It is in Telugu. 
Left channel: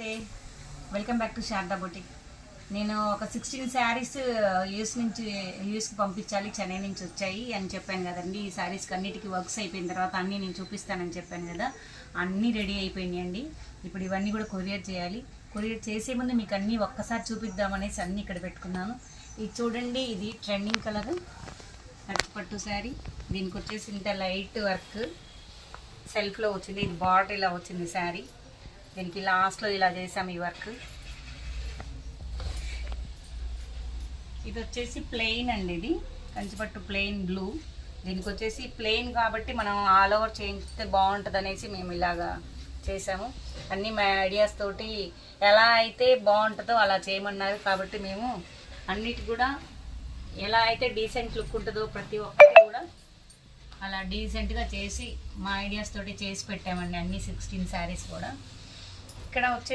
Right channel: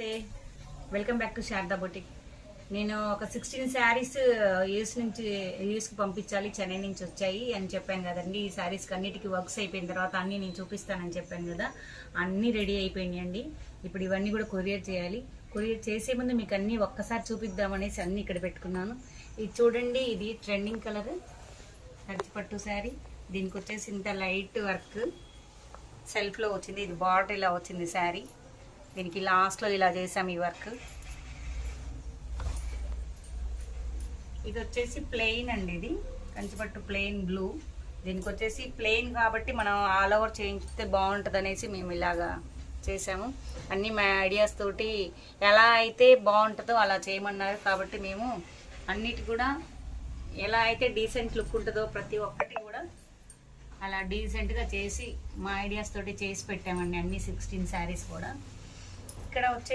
Welcome back to Sharada boutique. నేను ఒక 16 శారీస్ యూఎస్కి పంపించాలి, చెన్నై నుంచి వచ్చాయి అని చెప్పాను కదండి. ఈ శారీస్కి అన్నిటికీ వర్క్స్ అయిపోయిన తర్వాత అన్నీ నేను చూపిస్తానని చెప్పాను కదా, అన్నీ రెడీ అయిపోయినాయండి. ఇప్పుడు ఇవన్నీ కూడా కొరియర్ చేయాలి. కొరియర్ చేసే ముందు మీకు అన్నీ ఒక్కసారి చూపిద్దామనేసి అన్నీ ఇక్కడ పెట్టుకున్నాను. ఇది చూడండి, ఇది ట్రెండింగ్ కలర్ పట్టు శారీ. దీనికి వచ్చేసి ఇంత లైట్ వర్క్ సెల్ఫ్లో వచ్చింది. ఇది బార్డర్ ఇలా వచ్చింది శారీ. దీనికి లాస్ట్లో ఇలా చేసాము ఈ వర్క్. ఇది వచ్చేసి ప్లెయిన్ అండి, ఇది కంచిపట్టు ప్లెయిన్ బ్లూ. దీనికి వచ్చేసి ప్లెయిన్ కాబట్టి మనం ఆల్ ఓవర్ చేయిస్తే బాగుంటుంది అనేసి మేము ఇలాగా చేసాము. అన్నీ మా ఐడియాస్ తోటి ఎలా అయితే బాగుంటుందో అలా చేయమన్నారు కాబట్టి మేము అన్నిటి కూడా ఎలా అయితే డీసెంట్ లుక్ ఉంటుందో ప్రతి ఒక్కటి కూడా అలా డీసెంట్గా చేసి మా ఐడియాస్ తోటి చేసి పెట్టామండి. అన్ని 16 శారీస్ కూడా ఇక్కడ వచ్చే